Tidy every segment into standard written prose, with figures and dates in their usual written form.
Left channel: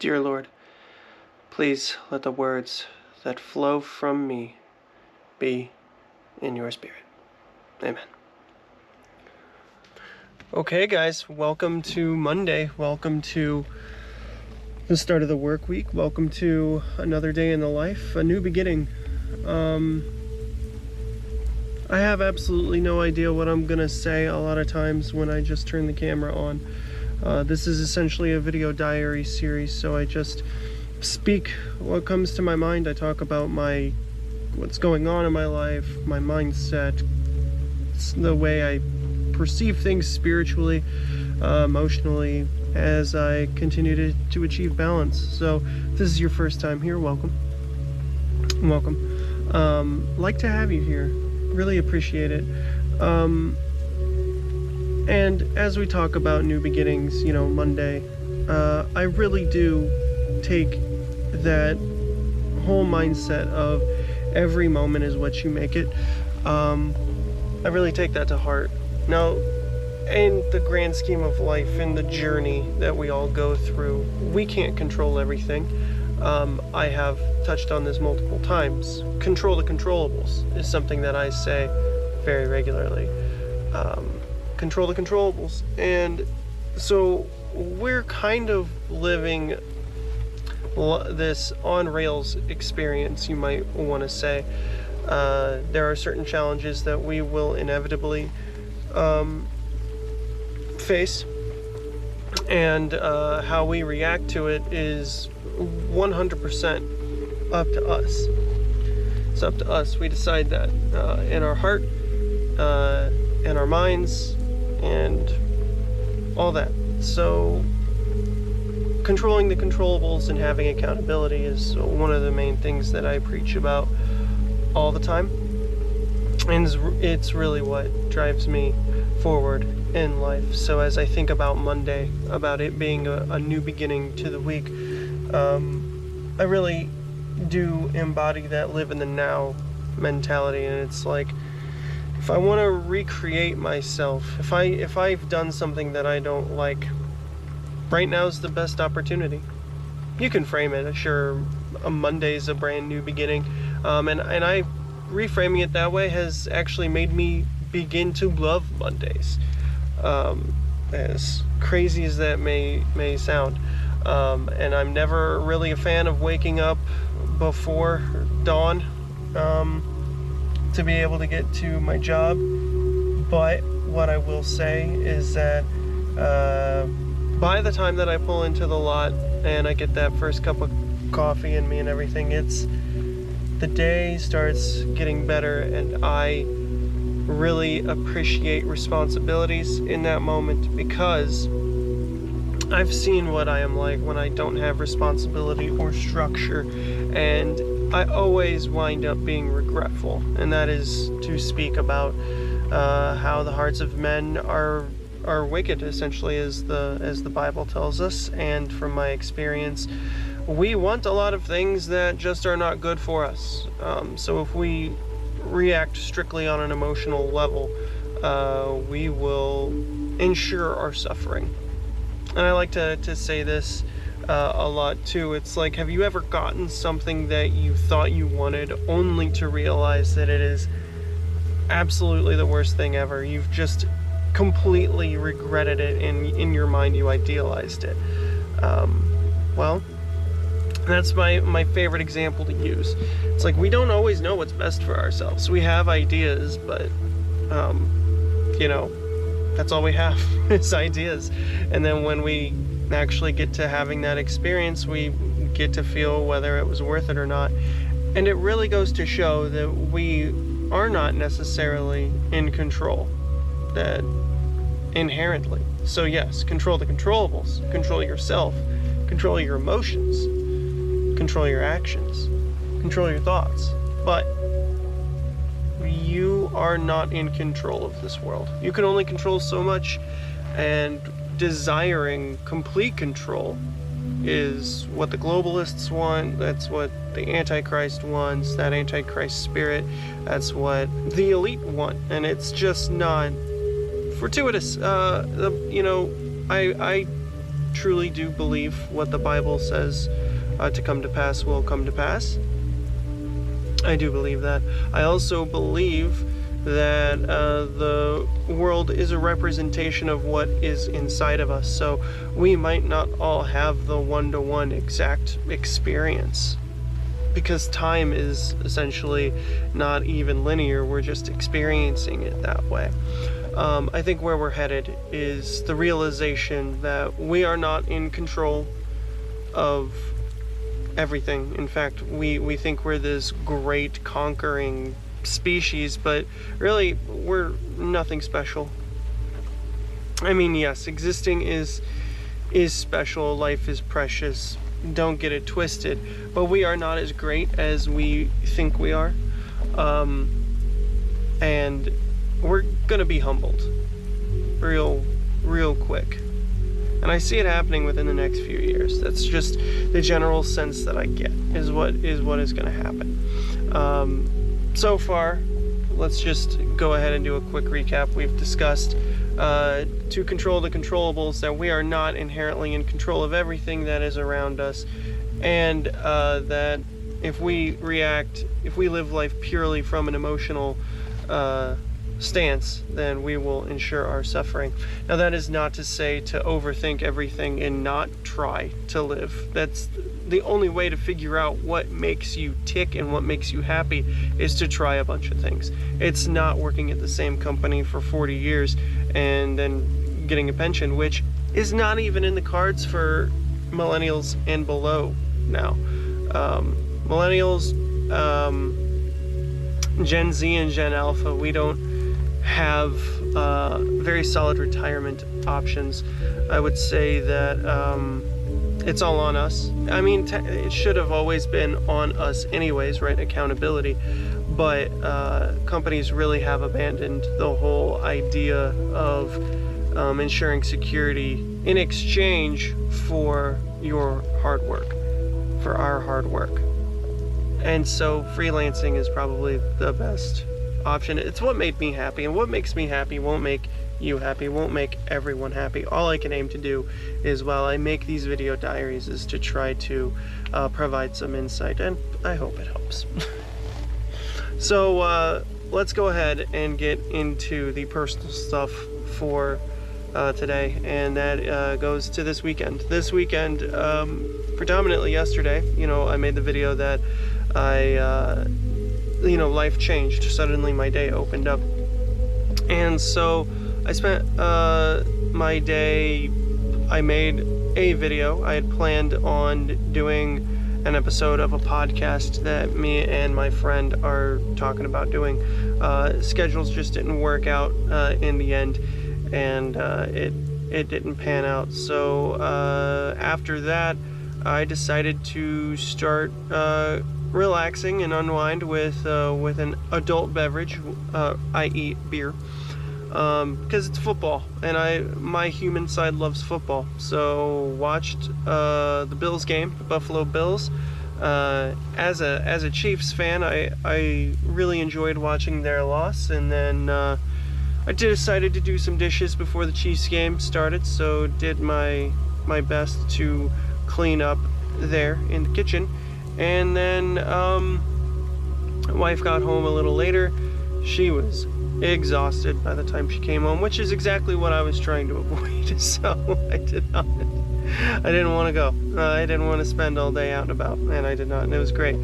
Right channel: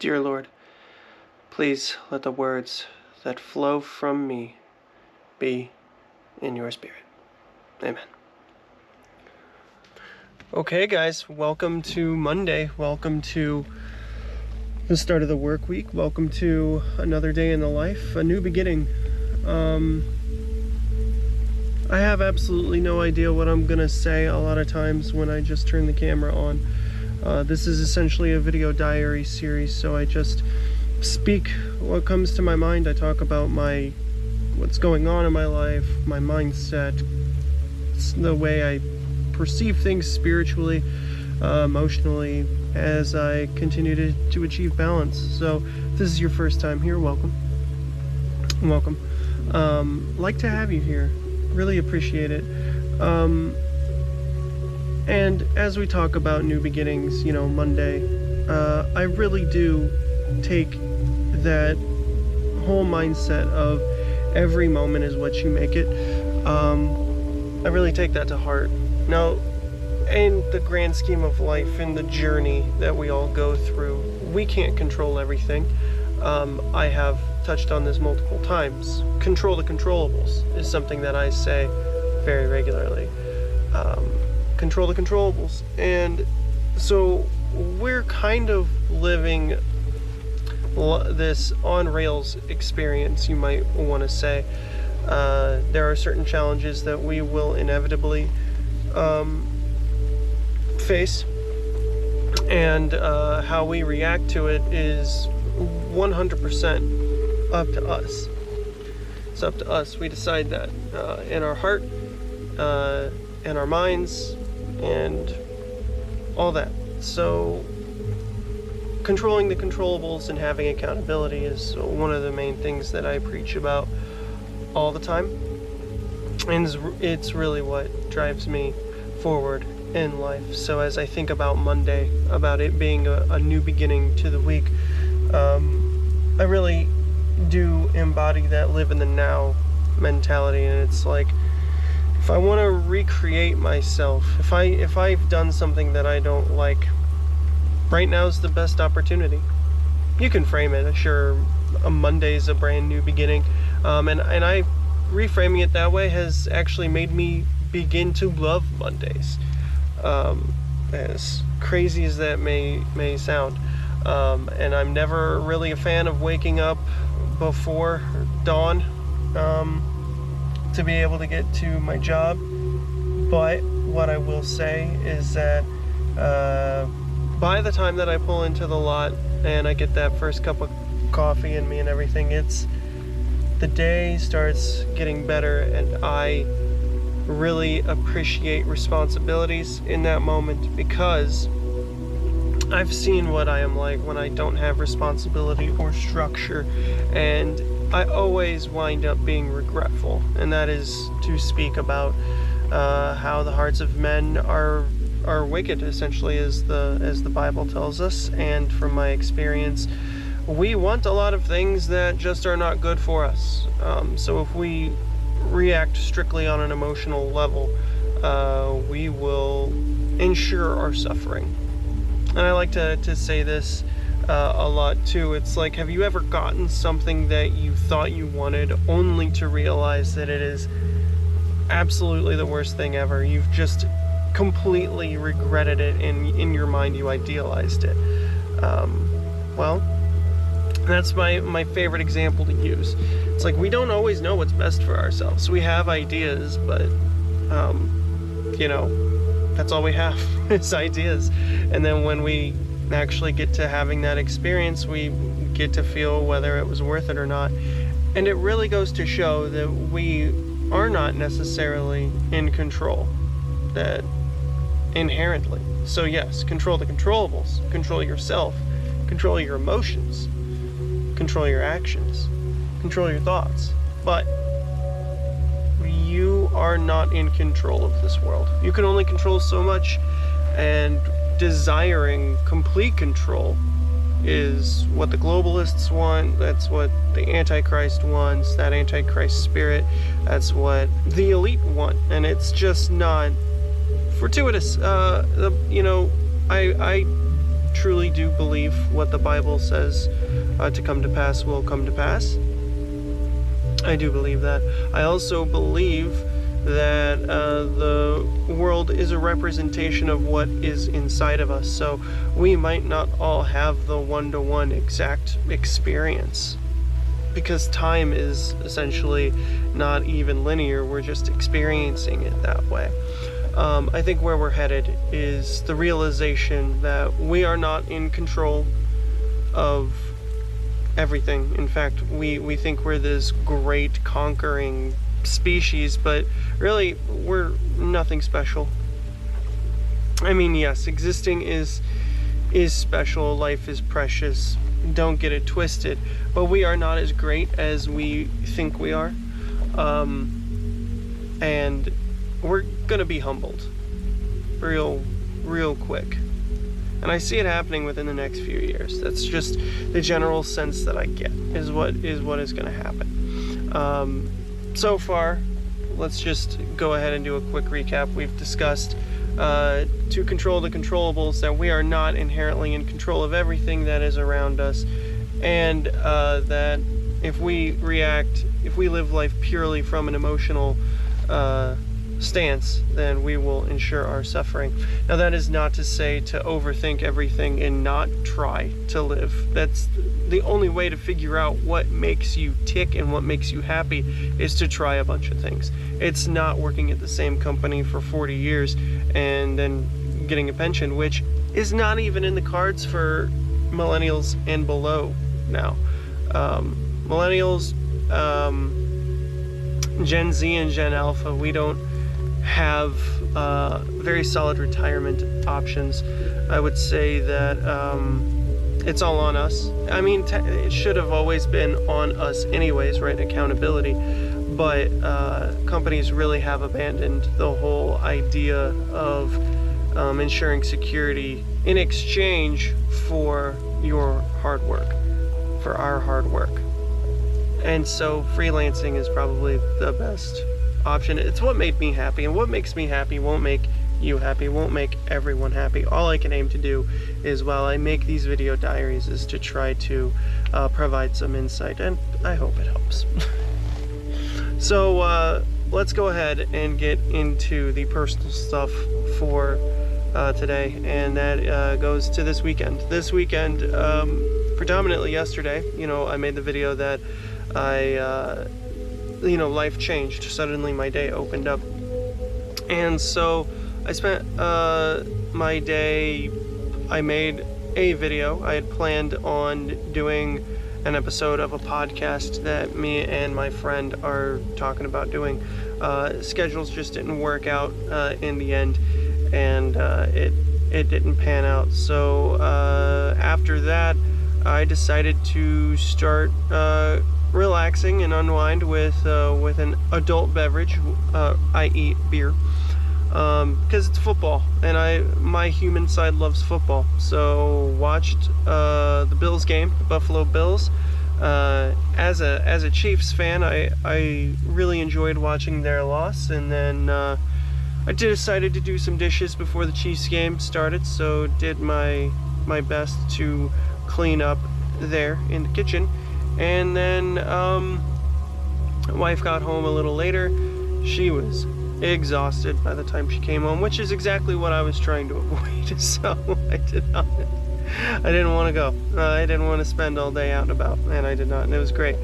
Dear Lord, please let the words that flow from me be in your spirit. Amen. Okay, guys, welcome to Monday. Welcome to the start of the work week. Welcome to another day in the life, a new beginning. I have absolutely no idea what I'm gonna say a lot of times when I just turn the camera on. This is essentially a video diary series, so I just speak what comes to my mind. I talk about what's going on in my life, my mindset, the way I perceive things spiritually, emotionally, as I continue to achieve balance. So if this is your first time here, welcome. Welcome. Like to have you here. Really appreciate it. And as we talk about new beginnings, Monday, I really do take that whole mindset of every moment is what you make it. I really take that to heart. Now, in the grand scheme of life, in the journey that we all go through, we can't control everything. I have touched on this multiple times. Control the controllables is something that I say very regularly. Control the controllables. And so we're kind of living this on-rails experience, you might want to say. There are certain challenges that we will inevitably face, and how we react to it is 100% up to us. It's up to us. We decide that in our heart, in our minds, and all that. So controlling the controllables and having accountability is one of the main things that I preach about all the time, and it's really what drives me forward in life. So as I think about Monday, about it being a new beginning to the week, I really do embody that live in the now mentality. And it's like, if I want to recreate myself, if I've done something that I don't like, right now is the best opportunity. You can frame it, sure, a Monday's a brand new beginning, and I reframing it that way has actually made me begin to love Mondays. As crazy as that may sound, and I'm never really a fan of waking up before dawn to be able to get to my job. But what I will say is that by the time that I pull into the lot and I get that first cup of coffee in me and everything, the day starts getting better, and I really appreciate responsibilities in that moment, because I've seen what I am like when I don't have responsibility or structure, and I always wind up being regretful. And that is to speak about how the hearts of men are wicked, essentially, as the Bible tells us. And from my experience, we want a lot of things that just are not good for us. So if we react strictly on an emotional level, we will ensure our suffering. And I like to say this a lot too. It's like, have you ever gotten something that you thought you wanted only to realize that it is absolutely the worst thing ever? You've just completely regretted it, and in your mind you idealized it. Well, that's my favorite example to use. It's like, we don't always know what's best for ourselves. We have ideas, but that's all we have is ideas. And then when we actually get to having that experience, we get to feel whether it was worth it or not. And it really goes to show that we are not necessarily in control, that inherently. So yes, control the controllables, control yourself, control your emotions, control your actions, control your thoughts. But you are not in control of this world. You can only control so much, and desiring complete control is what the globalists want. That's what the Antichrist wants, that Antichrist spirit. That's what the elite want, and it's just not fortuitous. I truly do believe what the Bible says to come to pass will come to pass. I do believe that. I also believe that the world is a representation of what is inside of us. So we might not all have the one-to-one exact experience, because time is essentially not even linear. We're just experiencing it that way. I think where we're headed is the realization that we are not in control of everything. In fact, we think we're this great conquering species, but really we're nothing special. I mean, yes, existing is special, life is precious, don't get it twisted, but we are not as great as we think we are. And we're gonna be humbled real quick. And I see it happening within the next few years. That's just the general sense that I get is what is going to happen. So far, let's just go ahead and do a quick recap. We've discussed to control the controllables, that we are not inherently in control of everything that is around us, and that if we live life purely from an emotional stance, then we will ensure our suffering. Now, that is not to say to overthink everything and not try to live. That's the only way to figure out what makes you tick and what makes you happy, is to try a bunch of things. It's not working at the same company for 40 years and then getting a pension, which is not even in the cards for millennials and below now. Millennials, Gen Z and Gen Alpha, we don't have very solid retirement options. I would say that it's all on us. I mean, it should have always been on us anyways, right? Accountability. But companies really have abandoned the whole idea of ensuring security in exchange for your hard work, for our hard work. And so freelancing is probably the best option. It's what made me happy, and what makes me happy won't make you happy, won't make everyone happy. All I can aim to do is, while I make these video diaries, is to try to provide some insight, and I hope it helps. So let's go ahead and get into the personal stuff for today, and that goes to this weekend. This weekend, predominantly yesterday, I made the video that life changed. Suddenly my day opened up. And so I spent my day, I made a video. I had planned on doing an episode of a podcast that me and my friend are talking about doing. Schedules just didn't work out in the end, and it didn't pan out. So after that, I decided to start relaxing and unwind with an adult beverage, i.e. beer, because it's football, and my human side loves football. So watched the Bills game, the Buffalo Bills. As a Chiefs fan, I really enjoyed watching their loss, and then I decided to do some dishes before the Chiefs game started. So did my best to clean up there in the kitchen. And then wife got home a little later. She was exhausted by the time she came home, which is exactly what I was trying to avoid. So I didn't want to go. I didn't want to spend all day out and about, and I did not, and it was great.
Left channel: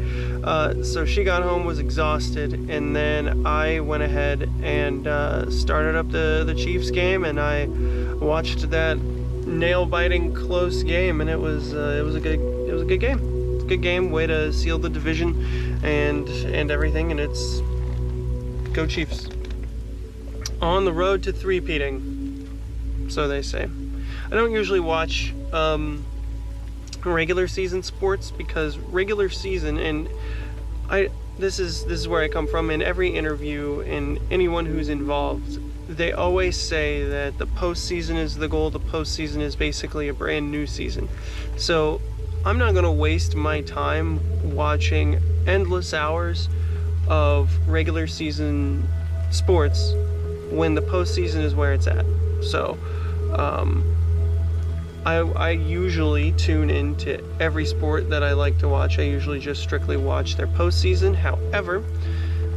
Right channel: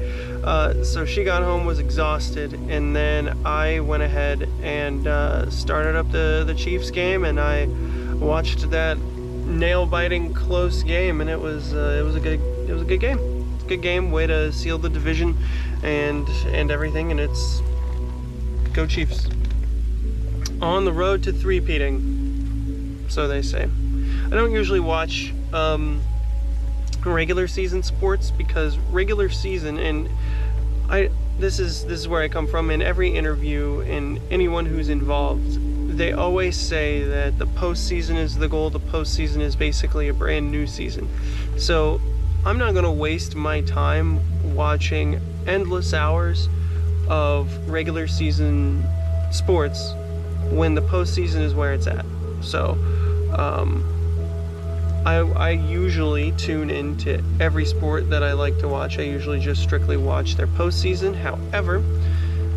So she got home, was exhausted, and then I went ahead and started up the Chiefs game, and I watched that nail-biting close game, and it was a good game. Good game, way to seal the division and everything, and it's go Chiefs. On the road to three-peating, so they say. I don't usually watch regular season sports, because regular season, and this is where I come from. In every interview, and anyone who's involved, they always say that the postseason is the goal. The postseason is basically a brand new season. So I'm not going to waste my time watching endless hours of regular season sports when the postseason is where it's at. So I usually tune into every sport that I like to watch. I usually just strictly watch their postseason. However,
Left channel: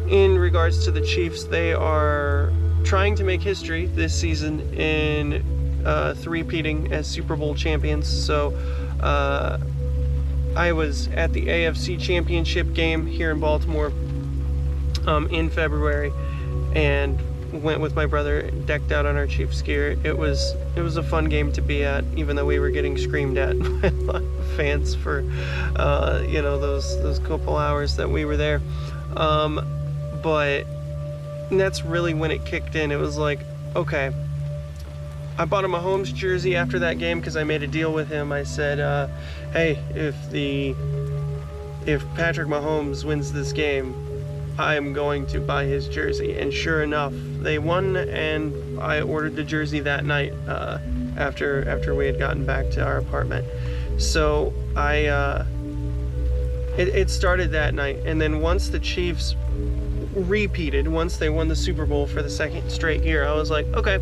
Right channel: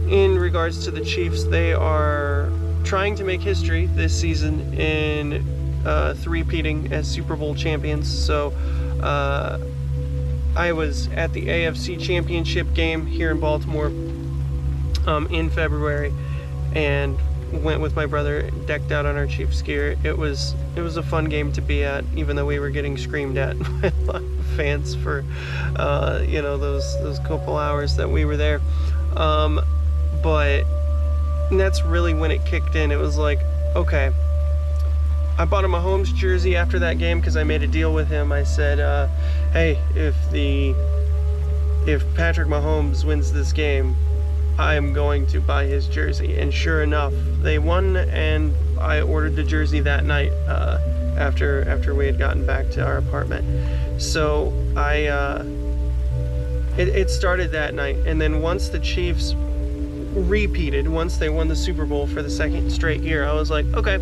in regards to the Chiefs, they are trying to make history this season in three-peating as Super Bowl champions. So I was at the AFC Championship game here in Baltimore in February, and went with my brother, decked out on our Chiefs gear. It was a fun game to be at, even though we were getting screamed at by a lot of fans for those couple hours that we were there. But that's really when it kicked in. It was like, okay, I bought a Mahomes jersey after that game because I made a deal with him. I said, hey, if Patrick Mahomes wins this game, I am going to buy his jersey. And sure enough, they won, and I ordered the jersey that night after we had gotten back to our apartment. So it started that night, and then once the Chiefs repeated, once they won the Super Bowl for the second straight year, I was like, okay,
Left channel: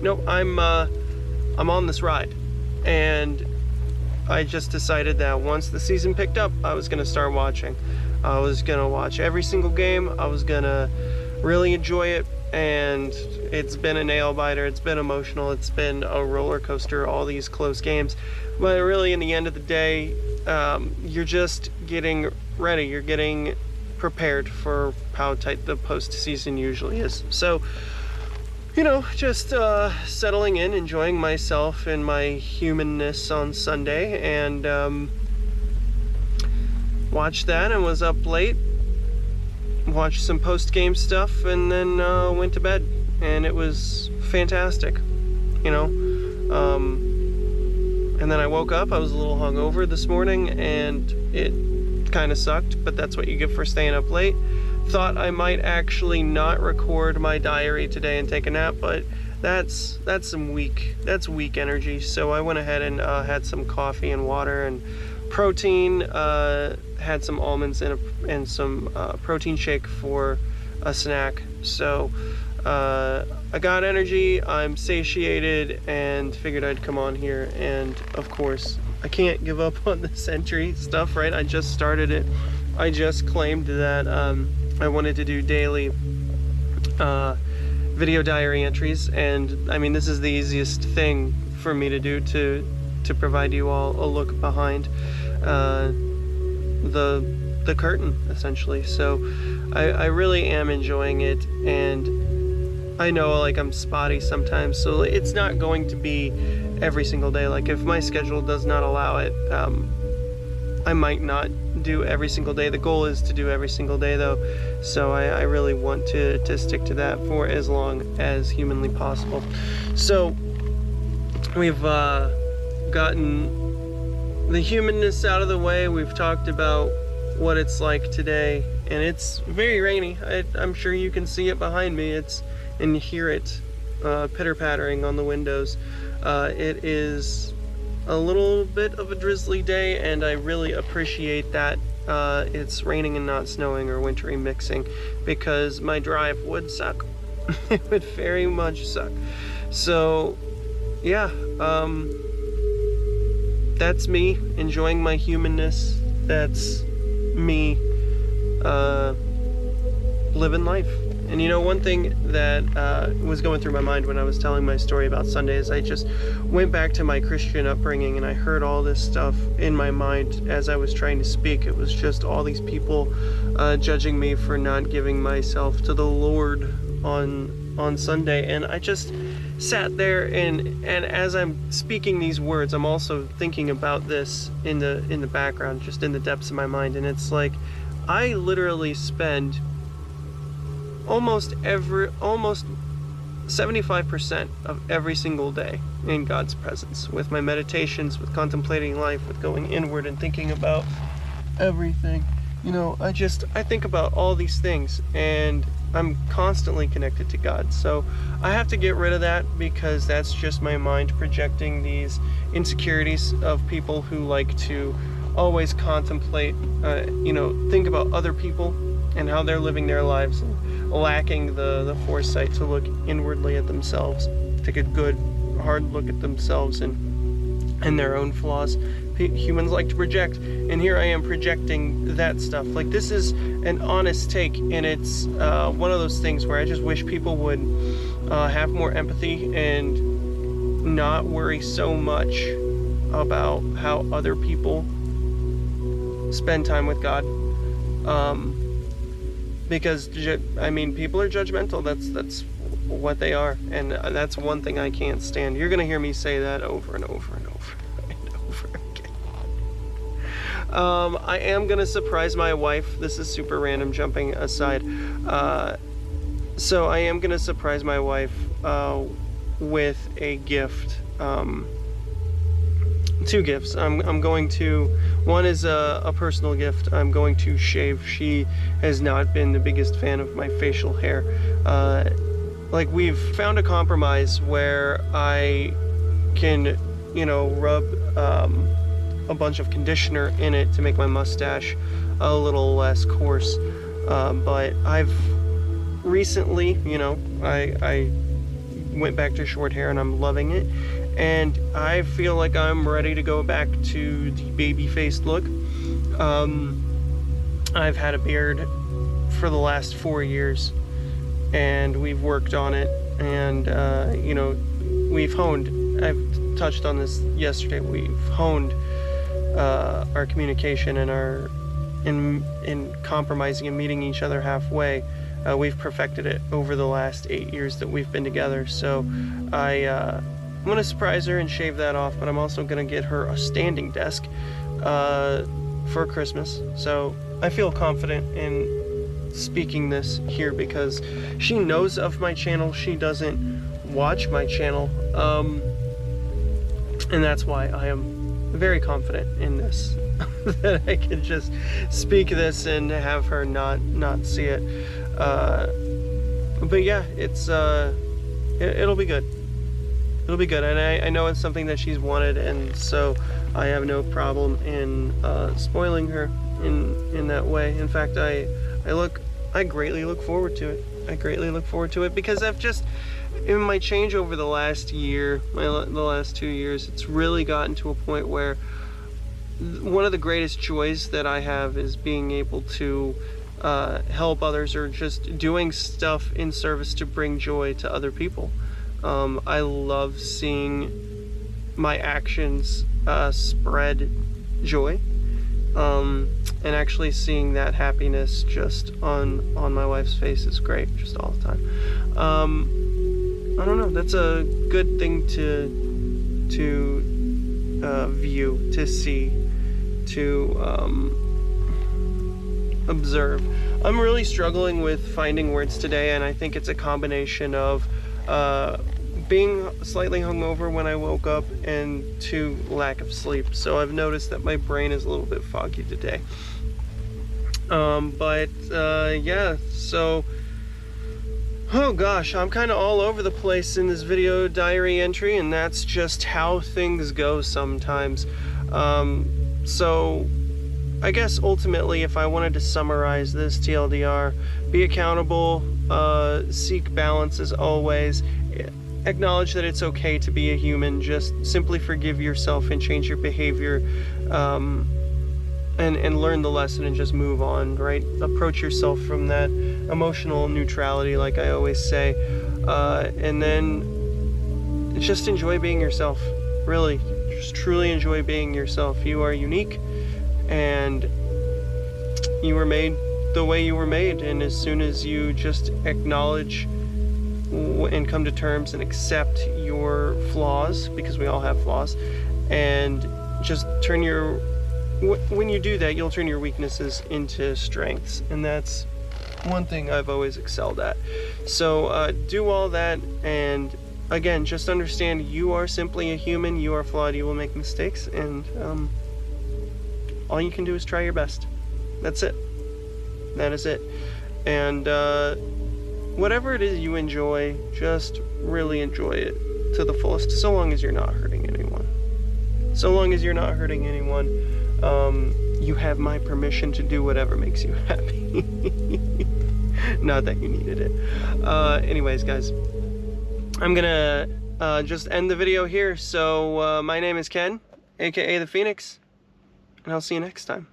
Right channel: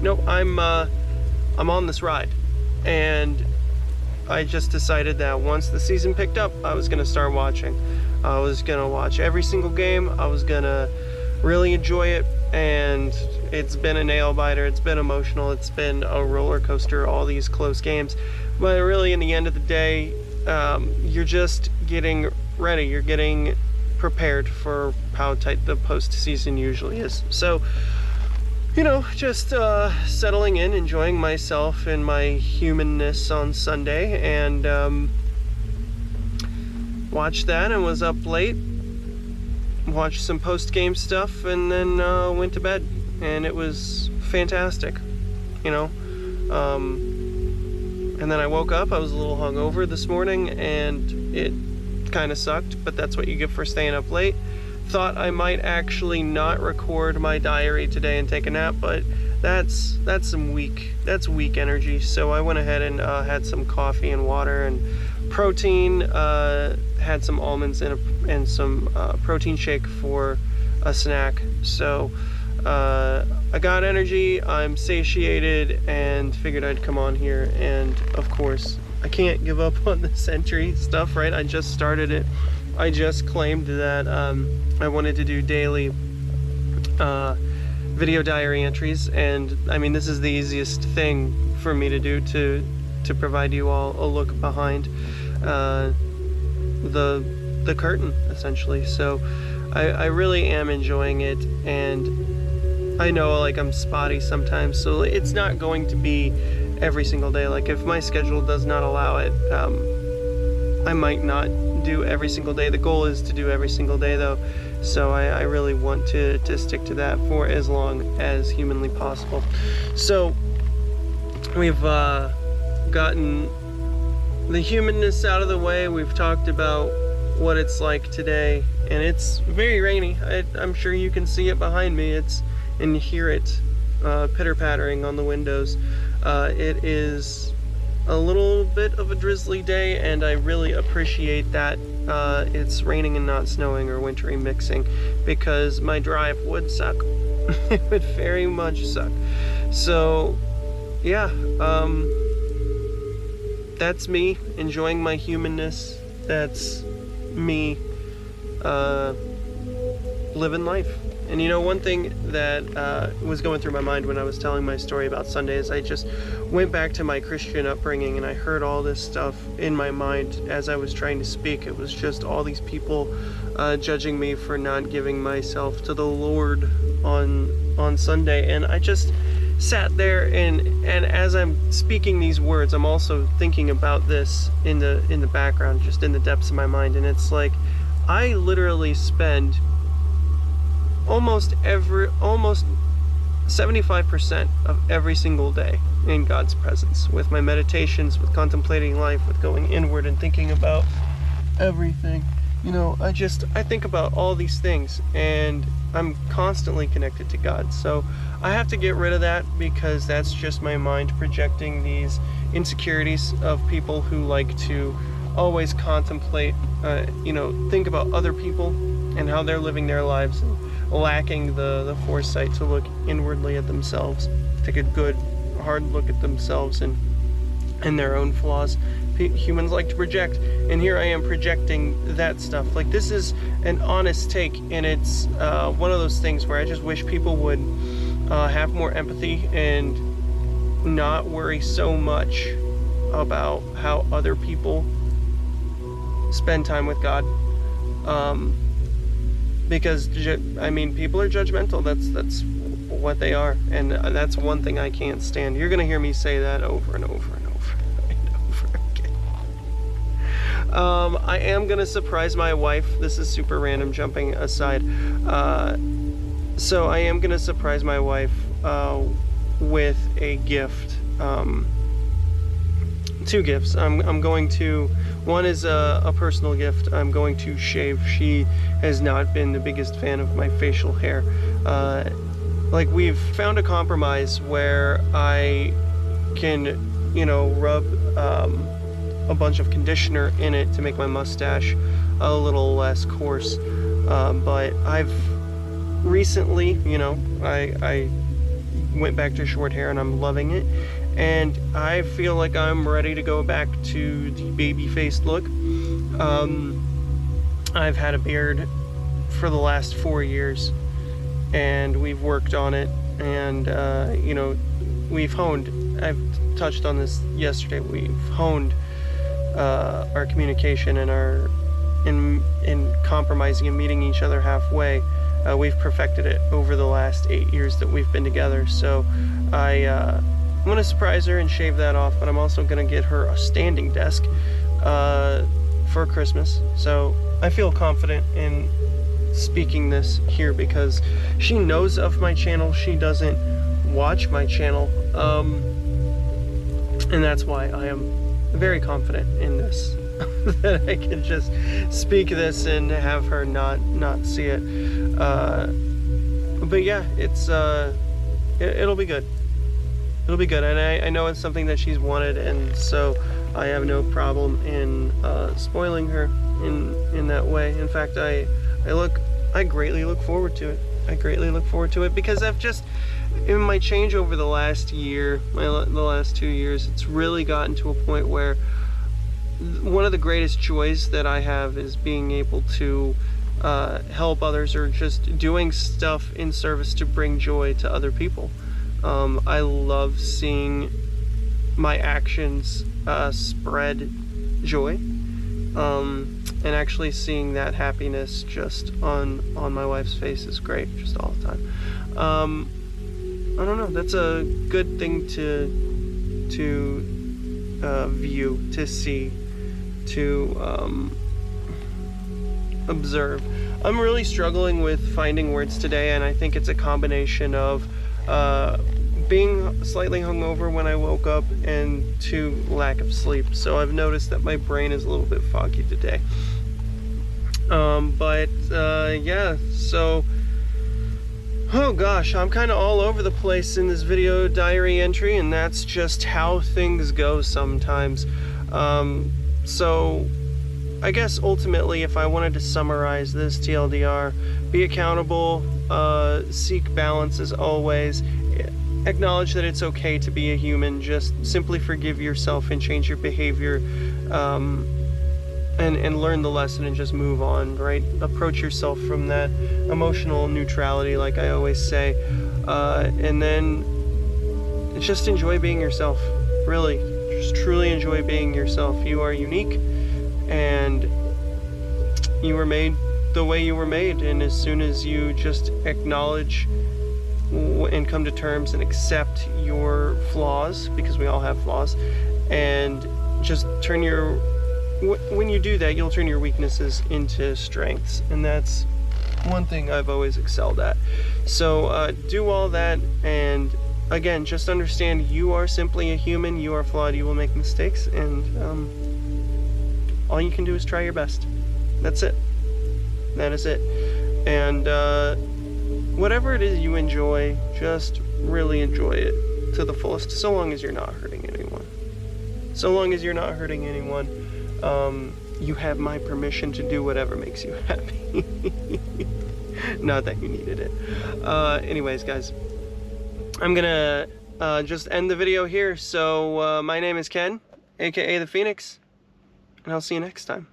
nope, I'm on this ride. And I just decided that once the season picked up, I was gonna start watching. I was gonna watch every single game. I was gonna really enjoy it, and it's been a nail biter. It's been emotional. It's been a roller coaster, all these close games. But really, in the end of the day, you're just getting ready. You're getting prepared for how tight the postseason usually is. So, just settling in, enjoying myself and my humanness on Sunday, and watched that and was up late, watched some post-game stuff, and then went to bed, and it was fantastic, and then I woke up. I was a little hungover this morning, and it kind of sucked, but that's what you get for staying up late. Thought I might actually not record my diary today and take a nap, but that's weak energy. So I went ahead and had some coffee and water and protein, had some almonds and some protein shake for a snack. So I got energy, I'm satiated, and figured I'd come on here. And of course, I can't give up on this entry stuff, right? I just started it. I just claimed that I wanted to do daily video diary entries, and I mean, this is the easiest thing for me to do to provide you all a look behind the curtain, essentially. So I really am enjoying it, and I know, like, I'm spotty sometimes, so it's not going to be every single day. Like, if my schedule does not allow it, I might not do every single day. The goal is to do every single day, though, so I really want to stick to that for as long as humanly possible. So we've gotten the humanness out of the way. We've talked about what it's like today, and it's very rainy. I'm sure you can see it behind me. And hear it pitter-pattering on the windows. It is a little bit of a drizzly day, and I really appreciate that it's raining and not snowing or wintry mixing, because my drive would suck. It would very much suck. So yeah, that's me enjoying my humanness. That's me living life. And one thing that was going through my mind when I was telling my story about Sunday is I just went back to my Christian upbringing, and I heard all this stuff in my mind as I was trying to speak. It was just all these people judging me for not giving myself to the Lord on Sunday. And I just sat there, and as I'm speaking these words, I'm also thinking about this in the background, just in the depths of my mind. And it's like, I literally spend almost 75% of every single day in God's presence, with my meditations, with contemplating life, with going inward and thinking about everything. I think about all these things, and I'm constantly connected to God. So I have to get rid of that, because that's just my mind projecting these insecurities of people who like to always contemplate, think about other people and how they're living their lives, and lacking the foresight to look inwardly at themselves, take a good hard look at themselves, and and their own flaws. Humans like to project, and here I am projecting that stuff. Like, this is an honest take, and it's one of those things where I just wish people would have more empathy and not worry so much about how other people spend time with God. Because, I mean, people are judgmental. That's what they are, and that's one thing I can't stand. You're gonna hear me say that over and over and over and over again. I am gonna surprise my wife. This is super random, jumping aside. So I am gonna surprise my wife with a gift. Two gifts. I'm going to, one is a personal gift. I'm going to shave. She has not been the biggest fan of my facial hair. Like, we've found a compromise where I can, you know, rub a bunch of conditioner in it to make my mustache a little less coarse. But I've recently, you know, I went back to short hair and I'm loving it. And I feel like I'm ready to go back to the baby-faced look. I've had a beard for the last 4 years, and we've worked on it, and you know, we've honed. I've touched on this yesterday. We've honed our communication and our in compromising and meeting each other halfway. We've perfected it over the last 8 years that we've been together. So I'm gonna surprise her and shave that off, but I'm also gonna get her a standing desk for Christmas. So I feel confident in speaking this here because she knows of my channel. She doesn't watch my channel, and that's why I am very confident in this that I can just speak this and have her not see it. But yeah, it's it'll be good. It'll be good, and I know it's something that she's wanted, and so I have no problem in spoiling her in that way. In fact, I greatly look forward to it. I greatly look forward to it because I've just, in my change over the last year, the last 2 years, it's really gotten to a point where one of the greatest joys that I have is being able to help others, or just doing stuff in service to bring joy to other people. I love seeing my actions spread joy, and actually seeing that happiness just on my wife's face is great, just all the time. I don't know, that's a good thing to view, to see, to observe. I'm really struggling with finding words today, and I think it's a combination of being slightly hungover when I woke up and lack of sleep. So I've noticed that my brain is a little bit foggy today. Yeah, so oh gosh, I'm kind of all over the place in this video diary entry, and that's just how things go sometimes. So I guess ultimately, if I wanted to summarize this TLDR, be accountable, seek balance as always, acknowledge that it's okay to be a human, just simply forgive yourself and change your behavior, and learn the lesson and just move on, right? Approach yourself from that emotional neutrality, like I always say, and then just enjoy being yourself. Really, just truly enjoy being yourself. You are unique, and you were made the way you were made, and as soon as you just acknowledge and come to terms and accept your flaws, because we all have flaws, and just when you do that, you'll turn your weaknesses into strengths, and that's one thing I've always excelled at. So do all that, and again, just understand you are simply a human, you are flawed, you will make mistakes, and all you can do is try your best. That's it. That is it. And whatever it is you enjoy, just really enjoy it to the fullest, so long as you're not hurting anyone. So long as you're not hurting anyone, you have my permission to do whatever makes you happy. Not that you needed it. Anyways, guys, I'm gonna just end the video here. So my name is Ken. aka the Phoenix, and I'll see you next time.